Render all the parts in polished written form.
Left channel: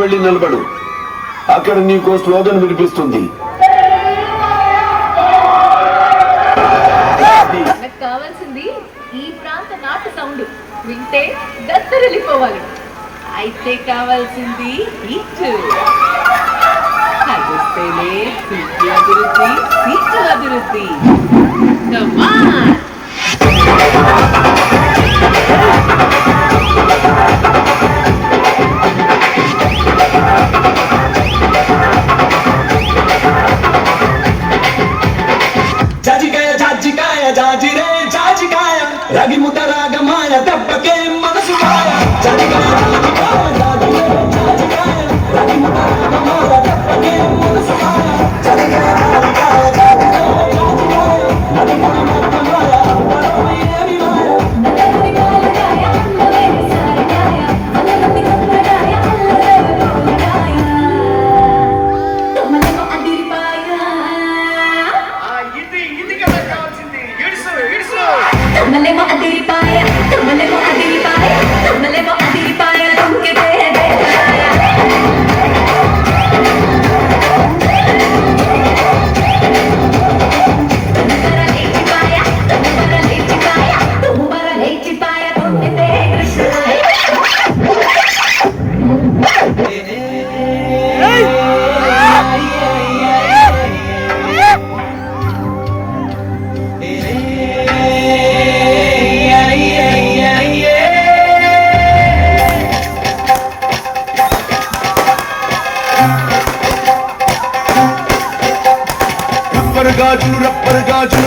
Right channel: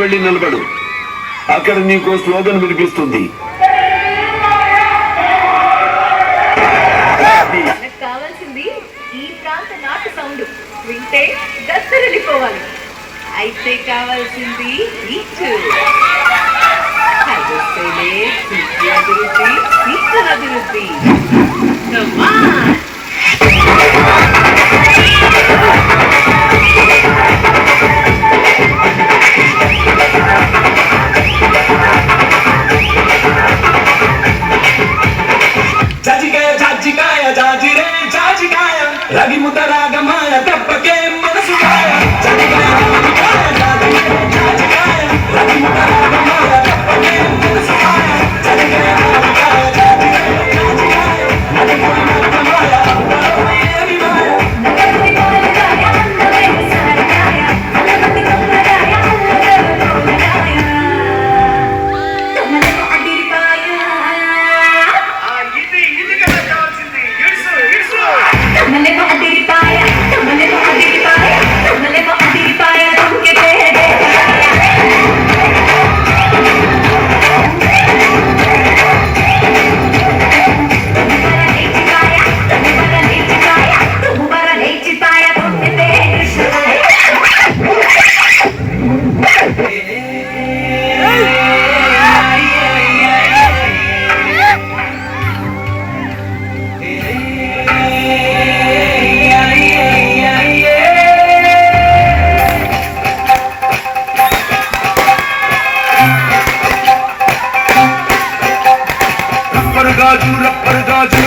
వెళ్ళి నిలబడు. అక్కడ నీకు స్లోగన్ వినిపిస్తుంది. కావాల్సింది ఈ ప్రాంత నాటు సౌండ్ వింటే దత్తరిల్లిపోవాలి. అయితే కావాల్సింది ఇచ్చు అభివృద్ధి. రవి ముత రాగమాయ దెబ్బకే మనసు కాయ జాజికాయ జాజికాయ జాజిరే జాజికాయ రవి ముత రాగమాయ దెబ్బకే మనసు కాయ జాజికాయ జాజికాయ జాజిరే జాజికాయ నడకన నడకమాయ అంతరమయ్యేవి మాయ నడకని కాలకాయ అందమైన సారకాయ అలమతి కమ్మరాయ అల్లరేవోలాయ తమలను అడిరిపాయ ఇది కదా కావాల్సింది. ఇడుసు తమలను అడిరిపాయ తమలను అడిరిపాయ తమలను అడిరిపాయ తుంకే పేడే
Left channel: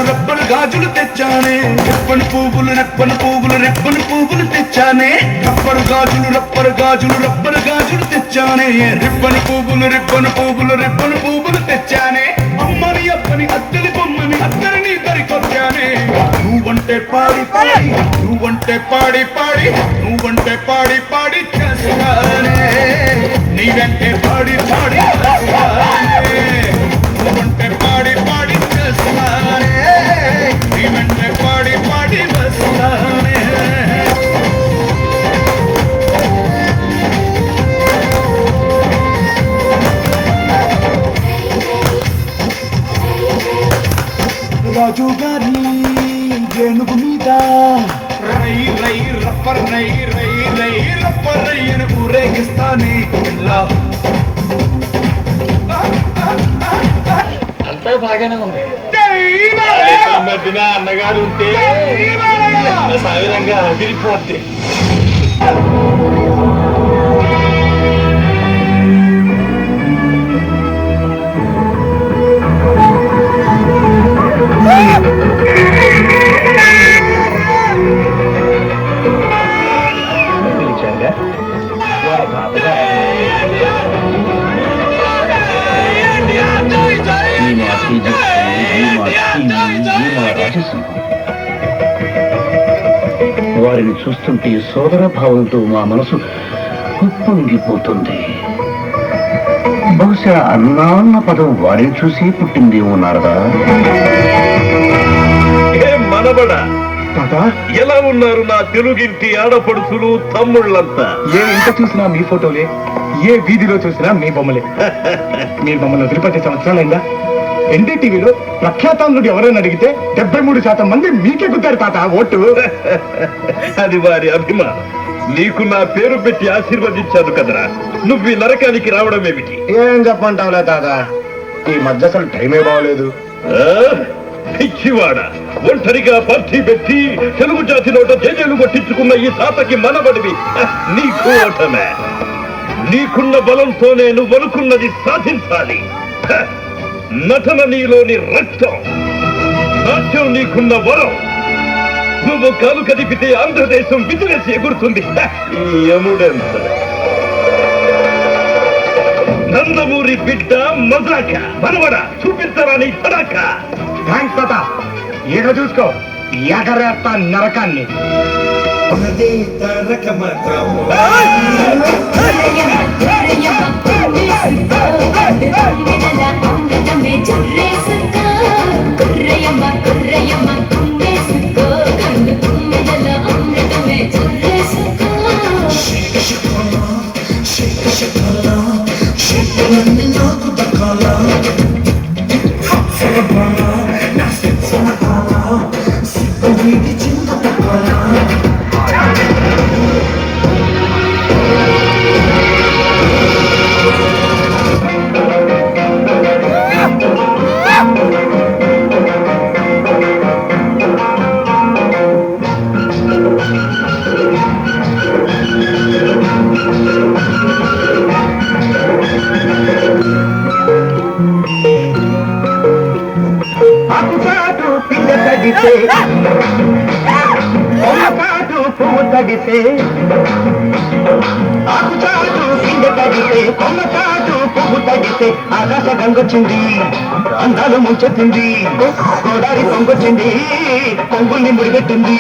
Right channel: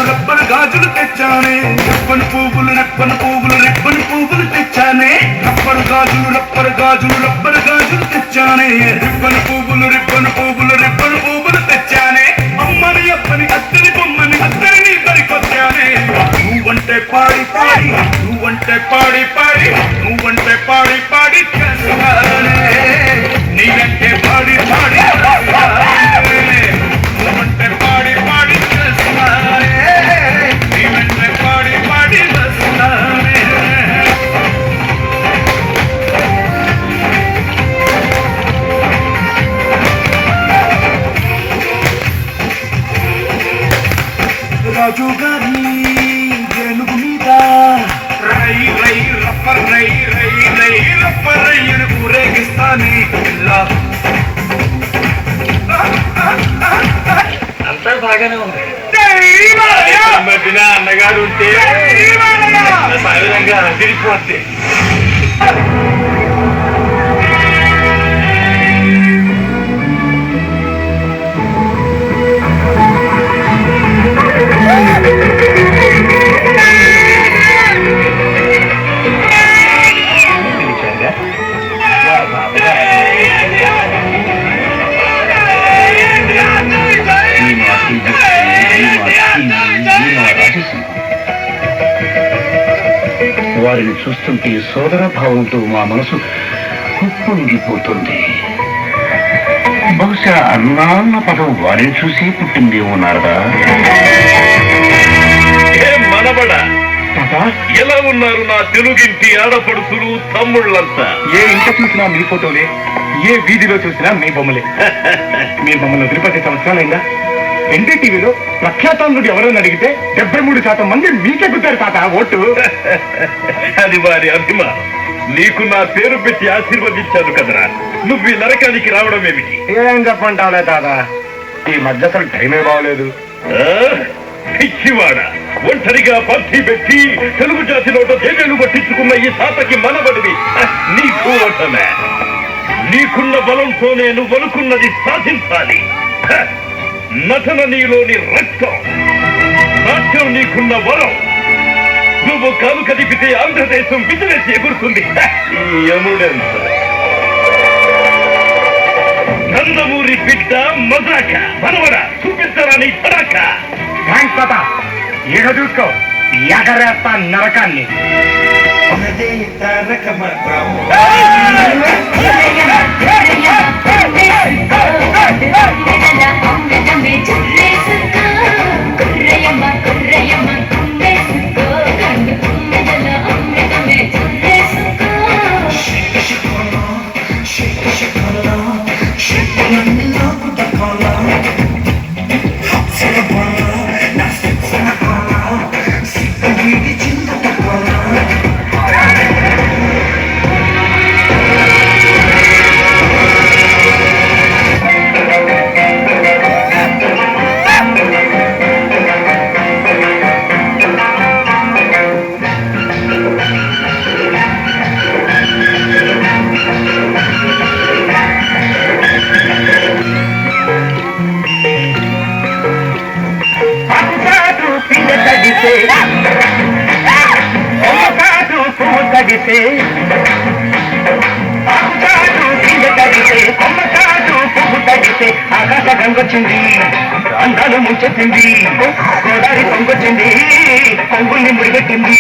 రబ్బరు గాజులు తెచ్చానే. రెప్పని పువ్వులు రెప్పని పువ్వులు తెచ్చానే. రబ్బరు గాజులు తెచ్చానే. రెప్పని పువ్వులు తెచ్చానే. అమ్మని అప్పని అత్తని బొమ్మని అత్తరిని పరికొచ్చానే. నువ్వంటే పాడి చేస్తానే. నీవంటే పాడి నువ్వంటే పాడి చేస్తానే. నీవంటే పాడి చేస్తానే. రాజు గారి ఏనుగు మీద రై రప్పర్ అని ఊరేగిస్తానే. అంతా బాగానే ఉంది. మధ్యన అన్నగారు ఉంటే సాగరంగా అదిరిపోద్ది. వారిని చూస్తుంటే సోదర భావంతో మా మనసు ఉప్పొంగిపోతుంది. బహుశా అన్నాన్న పదం వారిని చూసి పుట్టిందేమో నారదా. మనబడ ఎలా ఉన్నారు నా తెలుగింటి ఆడపడుతులు తమ్ముళ్ళంతా? ఏ ఇంట చూసినా మీ ఫోటోలే, ఏ వీధిలో చూసినా మీ బొమ్మలే. మీ బొమ్మలు 10 సంవత్సరాలైందా? ఎన్డీటీవీలో ప్రఖ్యాతాంధ్రుడు ఎవరైనా అడిగితే 73% మంది మీకే గుద్దారు తాత ఓటు. అది వారి అభిమానం. నీకు నా పేరు పెట్టి ఆశీర్వదించాను కదరా. నువ్వు ఈ నరకానికి రావడం ఏమిటి? ఏం చెప్పంటావులే తాత, ఈ మధ్య అసలు టైమే బాగలేదు. పిచ్చివాడ, ఒంటరిగా పార్టీ పెట్టి తెలుగు జాతి నోట జైలు పట్టించుకున్న ఈ తాతకి మనబడివి నీకు ఓటమే. నీకున్న బలంతోనే నువ్వు అనుకున్నది సాధించాలి. నటన నీలోని రక్తం, నాట్యం నీకున్న వరం. నువ్వు కాలు కదిపితే ఆంధ్రదేశం విజిలేసి ఎగురుతుంది. ఈ యముడెంత నందమూరి బిడ్డ మజాక మనవడ చూపిస్తారా నీ పడాక. థ్యాంక్స్ తాత. ఈడ చూసుకో ఎగరేస్తా నరకాన్ని. ఆకాశ గంగొచ్చింది, అందాలు ముంచెత్తింది, గోదావరి పొంగొచ్చింది, పొంగుల్ని ముడిపెట్టింది.